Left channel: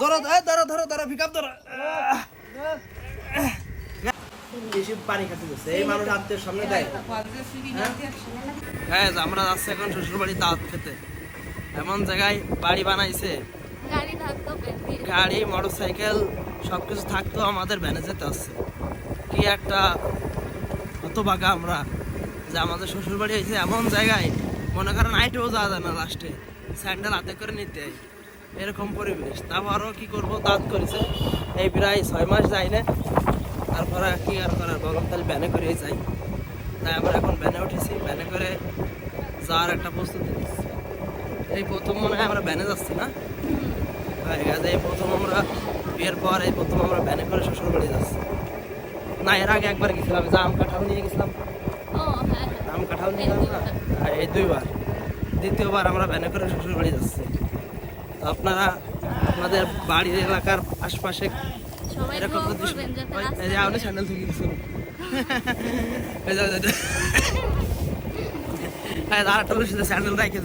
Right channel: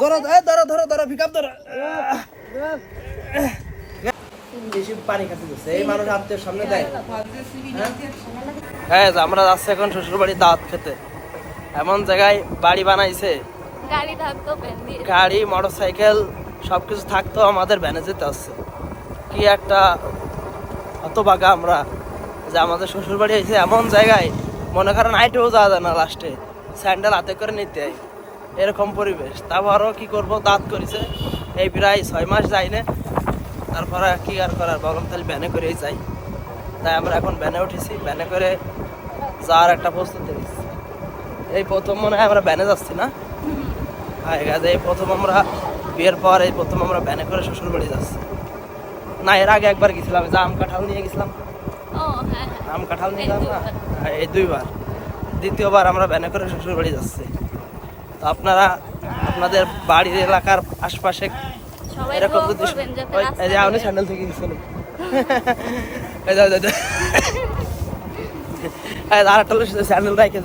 ধরো ধরো পিকআপ ধরো। বেশি পানি খাতে দিচ্ছে এই মানুষ আত্মীয় সামনে দেয়। হ্যাঁ আমরা যাচ্ছি এখন শ্বশুর বাড়ি দাওয়াত খেতে। এমন জায়গায় বাড়ি বানাইছে, গাড়ি মোটরসাইকেল সবকিছু থাকতো, আমাদের ভ্যানে যেতে হচ্ছে। কি একটা হতভাগা আমরা যে আমাদের শ্বশুর বাড়ি হয়েছে এমন জায়গায়, মনে করেন হাইটেও যাওয়া যায় না, লাস্টে স্যান্ডেল হাতে করে নিতে হয়, এরকম পরিবেশ। তারপরও কি করবো, দাঁত করেছে এই প্রায় 6 মাস যাই না। তারপরে কি আর করার, বললাম তাহলে ভ্যানে করেই যাই। তাই আমরা এখন ভ্যানে উঠেছি, ভ্যানে করে যাওয়ার একটা প্রস্তুতি নিচ্ছি। এই প্রথম মনে হয় আমরা ভ্যানে যাচ্ছি না, হ্যাঁ এই প্রথম আমরা বিয়ের পর এই প্রথম আমরা ভ্যানে করে শ্বশুর বাড়ি যাচ্ছি। না এর আগে একবার গেছিলাম, যে আম কাঁঠাল নিয়ে গেছিলাম, আম কাঁঠাল নিয়ে গেলাম না, এই 2 বার। দ্বিতীয়বার আমরা ভ্যানে করে শ্বশুর বাড়ি যাচ্ছি। তো আপনারা আপনাদের বাড়ির এলাকার আশপাশে এরকম যদি আপনি স্যান্ডেল থেকে গেছিল আরেকটা স্যান্ডেল রাখে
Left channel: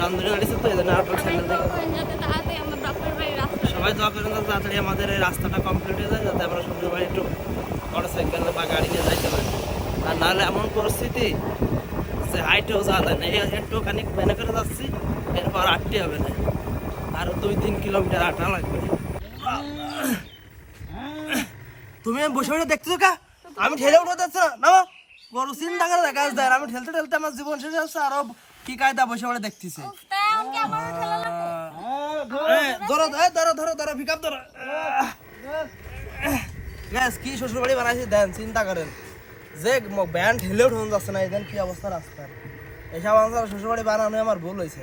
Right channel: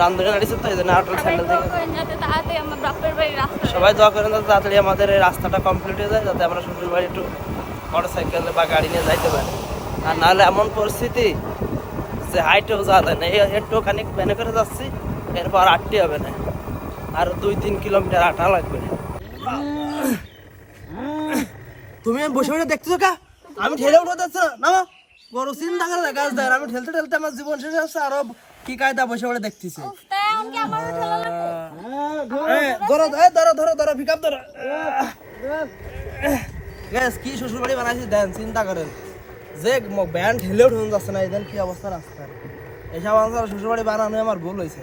রান্ধনের নাড়িছে তো এই জন্য আরেকটা স্যান্ডেল দেখে। সবাই দোয়া করেন যাতে তাড়াতাড়ি আমাদের এই রাস্তাটা কমপ্লিট হয়ে যায়, যাতে আমরা শ্বশুর বাড়ি একটু মোটরসাইকেল বা গাড়ি নিয়ে যাইতে পারি। আর নাহলে এমন পরিস্থিতি যে হাইটেও যাওয়া যায় না, একটু খানিক ভ্যানে করে যাচ্ছি, এরপর আটটি হবে না, আর 2-3 কিলোমিটার হাঁটা লাগবে। তুমি বসে বসে দেখতেছো কা, আমি ঠেলে উঠে যাচ্ছি না, বড় চিন্তা করে দেখা যায়। আমি ঠেলতে ঠেলতে আমার জীবন শেষ হচ্ছে, আরো কি কায়দা বসে বসে দেখতেছি। ধরো পিকআপ ধরো। কি শ্বশুর বাড়ি বানাইছি দেন, চিন্তা করেন যে ব্যান ঠেলেও ঠেলে যাচ্ছে না, এদের কি অবস্থা রাস্তার। এইসব অবস্থা শ্বশুর বাড়ি বানানো আমার ভুল হয়েছে।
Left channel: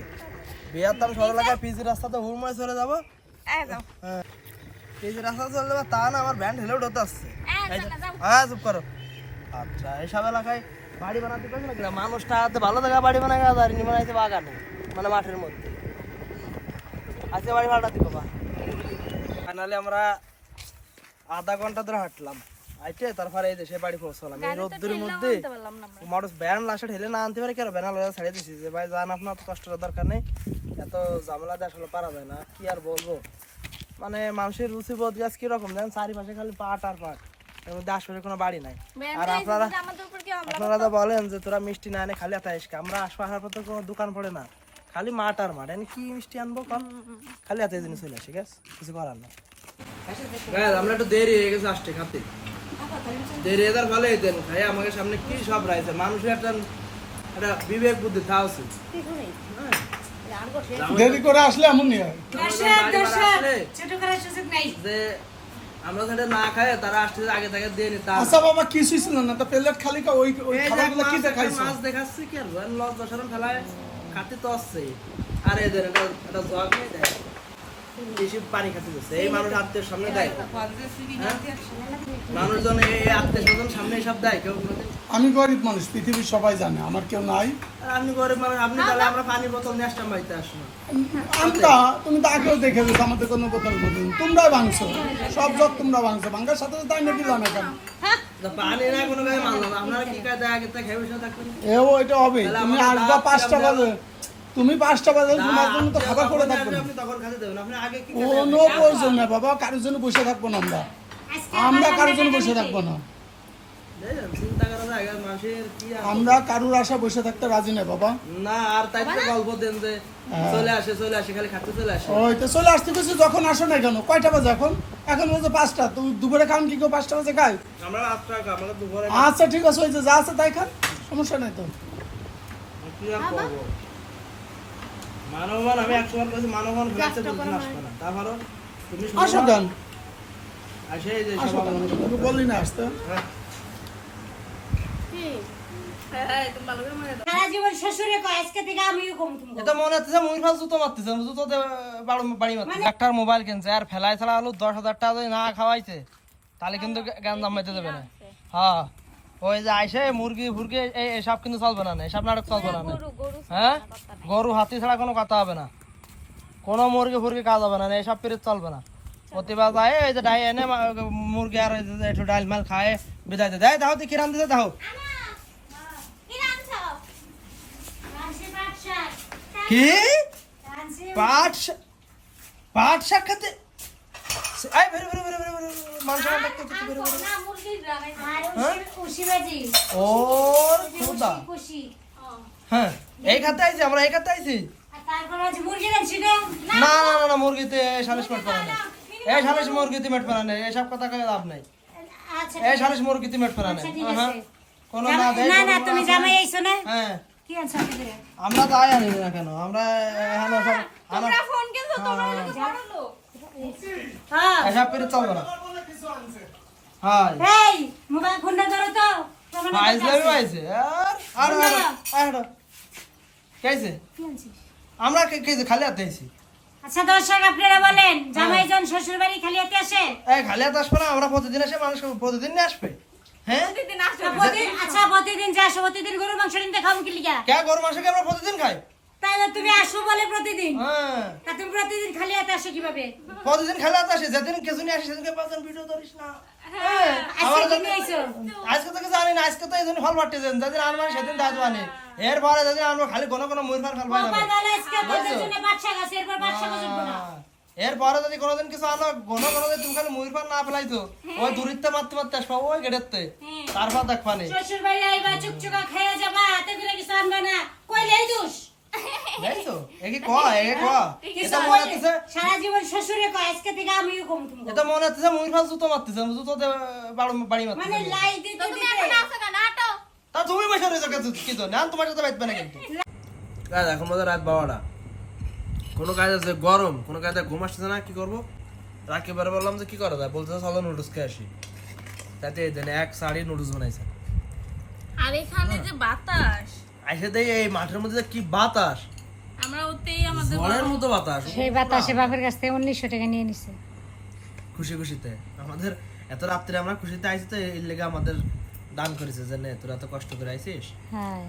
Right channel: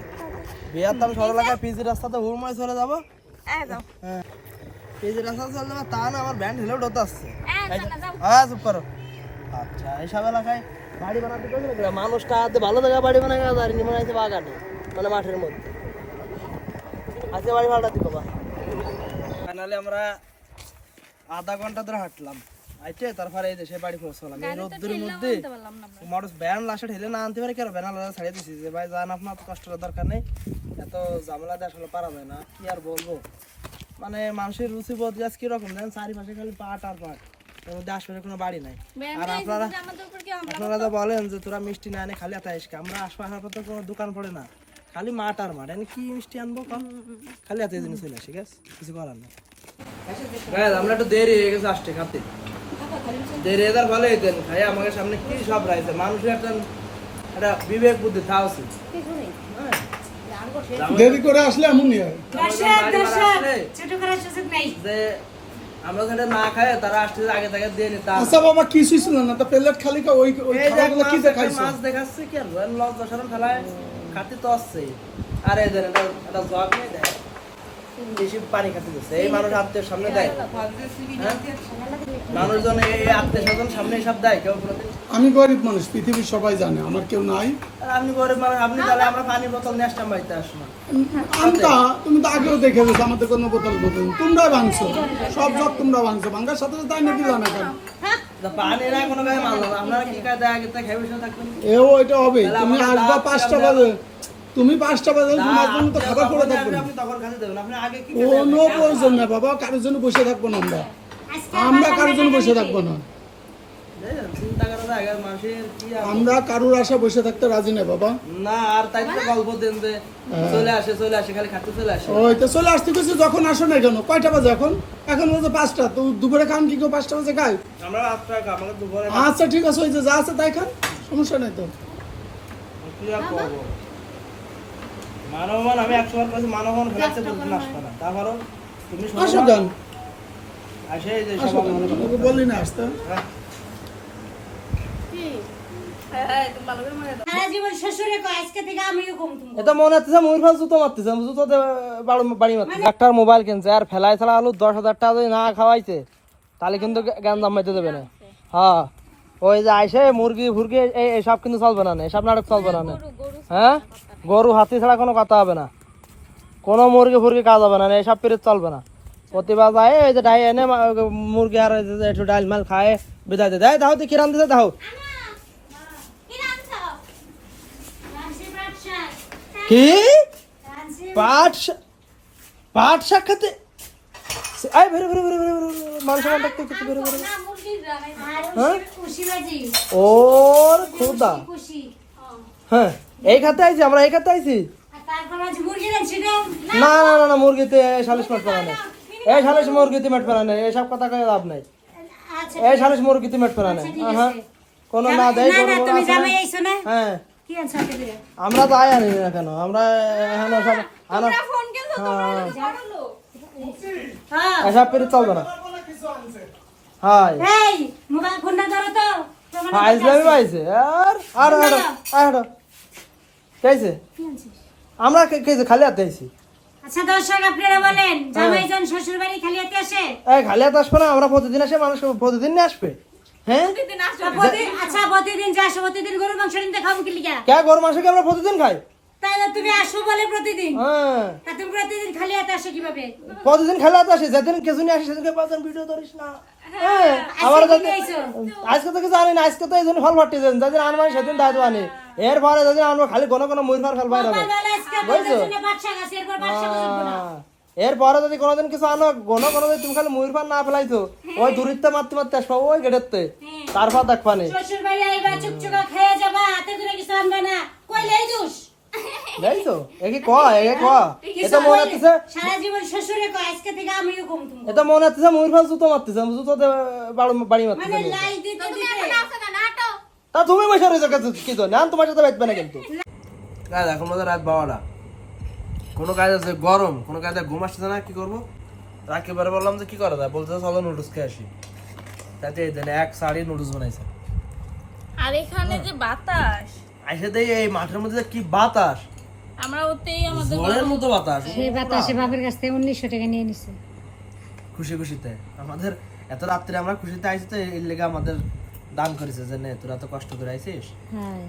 বিয়ার তো আমি সরল এলাকায় পিজি রাস্তাতে হুড়ময় চলে যাবো, হ্যাঁ পিজি রাস্তা চলে যাবো, তা না আমার ব্যান ঠেলেও ঢোতে আসছে। হ্যাঁ চুপ করো। আচ্ছা এইসব এলাকায় বাড়ি বানাতে পারবে না, মানুষটা ভালো জায়গায় বাড়ি বানায় বানাইছে বাগানে, মানে মাঠের মধ্যে আজকে বাড়ি ভাড়া দিব বা। ফাইনালি আমরা আধা ঘন্টা ধরে হাঁটলাম, আইতে তারপরে এই দেশে বাড়ি পৌঁছলাম। এই রোদ্দুর মধ্যে মোটর ভ্যান লাস্টে ঠেলে না আনতে পারে, কেন ভ্যান ছাড়িয়ে দিচ্ছি যে ভাই যান আপনার তো কষ্ট করার দরকার নেই, এত ঝামেলা দিয়ে আসলে পারা যায় না। কি আর বলবো, মানে মানুষের রুচি বোধ গাছ কিরকম দেন, চারিপাশে খালি পাট আর পাট, এর মধ্যে আশপাশে কোনো বাড়ি নাই। আর আপনারা তো বলেন যে তোরা মিষ্টি না এনে খালি আটাইস, আমরা আশপাশের পর তো কোনো দোকান পড়ে না, খালি মাঠ আর মাঠ, এনে কি মিষ্টি আনবো কম, খালি হাতে জিনিস চলে আসে, কিছু করার নেই। আমরা একটু দেরি হয়ে গেছে আসতে খাতে, দেরি এদার ভালো হইতেন ভাই, আমাকে সামনে কি সব রাইছে, মানুষের একটা বিবেক বুদ্ধি থাকা উচিত। দেরি করে আসলে এমন নিয়ে যে আমরা সেটা না খাই, তারা আসতে আগে থেকে দিয়ে নিতে। আচ্ছা বাবা কিছুই ছিল না, তো প্লেট খালি ওই কি দেখাইছে, মাছ দেখাচ্ছে কি আর লস দশারণ ফেলায় খাতে তো আসছেই। আর এদের একটা জগ নেই দেয়, বেশি পানি খাতে দিচ্ছে এই মানুষ আত্মীয় সামনে দেয়, মানুষজন এই আত্মীয় স্বজন সামনে সব দেয় কেউ কোনোদিন। আমি গরিব মানুষ, পৃথিবীর সবাই জানে আমার কেউ নাই। আপনি গরিব মানুষ, আপনি তাহলে আমরা পানি বোতল নিয়ে আসতাম বাড়িতে আসবো। তুমি তো আগেও দেখে গেছো আমাদের কোনো বোতল বোতল তোমরা ভাঙছো, সব তোমরা ভাঙছো, ভাঙার সাথে সাথে আমি দিল না কেন পানি না কোনো গায়ে মানলাম, আপনারা কি কায়দা আগে থেকে খেয়ে বসে থাকবেন। এও এটা হবে, তুমি আসবা 5টা বাজে, তুমি 5টা বাজে তোমার জন্য তো খাবার করে থাকবে, আপনি তখন খাতে দেবেন। আপনি আগে কি কোনো প্রয়োজন নেই বাবা, কারোর জন্য বসে থাকবো না, আমরা কারোর জন্য বসে থাকবো না, চিন্তা করা যায় মানুষের কি, আমরা কারোর আশা বসে থাকতে রাজি নেই বাবা। না আর তাই তো গল্প দেন যে চলে আসে খালি খাতে চলে আসে। ওই তো চলে আসতে গেছি, যখন আসো না কেন, কয়টা বাজে এখন বাজে 5টা, তো দুপুরে খান কি কেউ 5টা বাজে খাই? আমরা রাতটা খাই, আমরা দুপুরে। আচ্ছা ঠিক আছে, ওই যে যা আছে তাই খান, সমস্যা নেই তো। কি আর করবো, মানবমান আমি 100 বার কইছি, মানবমান ফেলাতে দুদিন আসবে না, তারপরও তুমি আসো গান আসে যে সব আমরা বলি না আসতে। একটা মোবাইল কিনছে আর ফেলাই ছাড়া আলু 10,000 টাকা যদি না খাওয়াইছে তাহলে কিন্তু জ্ঞান জামাইতে দেবে না। হ্যাঁ ওই যে আইসে মুরগি ফুরগি এইসব কিন্তু চলবে না, এসব নাটক চলবে না। হ্যাঁ গরু হাতি ছাড়া কোনো কথা হবে না, কোনো মুরগি ফুরগি কাজ হবে না, এইসব পিরিয়ড চলবে না। প্রতিবার যায় এই যে ডাই এনে মুরগি আর একটু ডাল মাল খায় বিদায় দেয়, দেখো তুই কি রান্ধতে দেখো। কি পাট শাক খেতে আই ভরে ভরে ভরে ভরে মাংস দেখতে দেখতে ভরে ভরে না মুরগির রানে আর খুশি বাজি ওর খোদা খুশি হ্যাঁ এই খাতে আইছি আমরা এই খাতে আইছি আর তারপর আজ মুরগি রানছি না না না না না মুরগিতে সালিশ মাঠ পারা নাই এই সালিশ মুরগিতে মাঠ পারা নাই এইসব কথা কয়ে লাভ নাই আচ্ছা এই সালিশ মুরগিতে মাঠ পারা নাই আচ্ছা, ঠিক হ্যাঁ আছে। কোনো না দেয় না না কোনো তুমি আছে জামাই না। আইছো না হ্যাঁ কি আনছো আগে দিয়ে আমরা তো আয় আনি না কেন আমরা এখানে সব তোমরা ফোন কেন তোমরা বড় লোক হ্যাঁ এসব করে চলবে না হাই এই মোবাইল ফোনটা ধরো তো তোমার নাম্বার আইছে আছে। আইছে আর আর কেছে কি আনছিস? আমরা কেছে খালি হাতে আইছি আচ্ছা দর্শক আপনারা বলেন জামাই জন শ্বশুর বাড়ি খালি হাতে আসে এই খালি হাতে আসবে না আমরা প্রতিদিন আসে মানুষ প্রতিদিন নিয়ে আসবে হ্যাঁ প্রতিদিন আসো আচ্ছা প্রতিদিন যে আসো প্রতিদিন গরুর মাংস নিতে খাবো কি লিগা কে গরু মাংসকে আমরা প্রতিদিন খাই তাইলে তুমি আসো বলে প্রতিদিন হ্যাঁ তা তুমি প্রতিদিন খালি হাতে আসো কিভাবে প্রতিদিন খেলা হাতে আসে যেদিন কিছু নিয়ে আসে সেদিনকে পাঁচজন ভিডিও ধরিস না আজকে কি নিয়ে আইছো আজকে তো কিছু আনি না আজকে তো এই জন্য ফল ফাটতে যান যেদিন আনবার সেদিন দাদু আনি এরপরে যেদিন আমরা খালি কোনো কোনো মুরফার ফেল পাই বাবা দাদা আজকে বলতে জন্য বাদশা গাছ এরপর বাদশা গাছ উঠবো না এরপরে যদি কোনোদিন কিছু আনো কোনো কোনো তুমি খালি মুরফার না ফেলাইছো ওই দূরিতে মারতে মারতে আসবো ওই গেটেতে তারপর দেখবানি শ্বশুর বাড়ি আইবা চুকচুকা খেয়ে যাবা হাতে করে কিছু আনবা না কইলে দোষ যাইছো একে কয় একে কয় এটা মনে কইলে? হচ্ছে সারা জীবন শ্বশুরে কয় আজকে থেকে আমিও কম তুমি এটা মনে হচ্ছে মুরফার জুতো মারতেছে জুতোতে বাড়ি মানে মারতেছে লাই দিতে তুমি দিতে এখন আসো কেন আটো তা তুমি বসে রয়েছো কি তো না তোমার সাথে বেচবে না কিন্তু কাজ এখন মধ্যে রাত 12টা কোনো কাজ আছে গরম কোনো কাজে ঘুম আসতেছে না কি করবো রাকিবারে বললাম যে কি করা যায় বলতে চলো নুডলস খেয়ে আসি তাতে এই দেন এক শাড়ি নুডলস বানাইছে আর এখানে যে বাতাস আইসে দেই এই মাঠের মধ্যে যে কি বাতাস আমরা ওতেই আমাদের জলের মতো বাতাস সেই বাতাসে বাপের কাছ থেকে 1900 টাকা নিয়ে নিছে খুশি খুশিতে আমাদের এত রাত্রে আমরা খুশিতে আইছি তো এর লেগে আমাদের দান করেছে যে নে তোরা তো কষ্ট করে আইছিস হ্যাঁ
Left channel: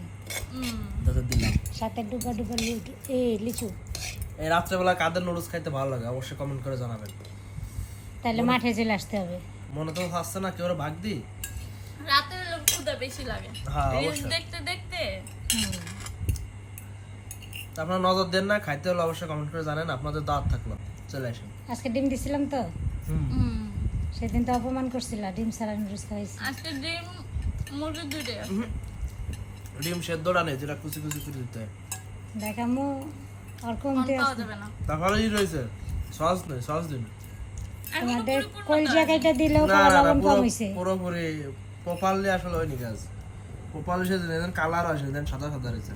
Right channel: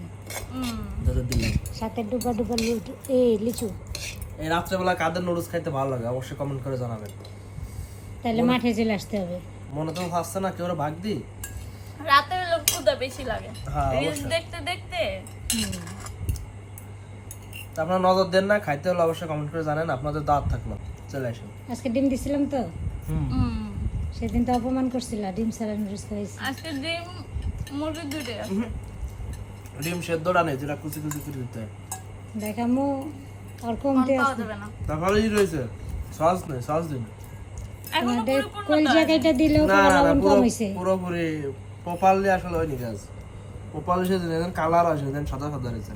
তোদের দিলাম সাথে ডুবা ডুবা লিচু এই রাত্রেবেলা কাদের নুডলস খাইতে ভালো লাগে অবশ্যই কমেন্ট করে জানাবেন তাহলে মাঠে চলে আসতে হবে মনে তো আসছে না কেউ ভাগ দি রাতের লোক ক্ষুধা বেশি লাগে হ্যাঁ, রিলস অবশ্যই। দেখতে দেখতে তা আপনারা নজর দেন না খাইতে হলে অবশ্যই কমেন্ট করে জানেন আপনাদের দাঁত থাকলো চলে আসুন আজকে ডিম দিছিলাম তো হুম সেদিন তো অপমান করছিল ডিম ছাড়া নুডলস খাইছি আজকে ডিম মুরগি দুইটা ডিম সেদ্ধটা নেই যেটা কুচি কুচি করে দিতে হয় দেখামু আর কমতে পাওয়া আছে যাবে না তারপরে ই রয়েছে সস নেই সস দিন এখন তোমাদের পুরোপুরি কলজা কাইটা দিলেও না না না লবণ পুরো কম হইছে পুরোপুরি প্রপারলি আসলে হয়নি গাছ প্রপারলি সে কালার আসে দেন সাদা সাদা রয়েছে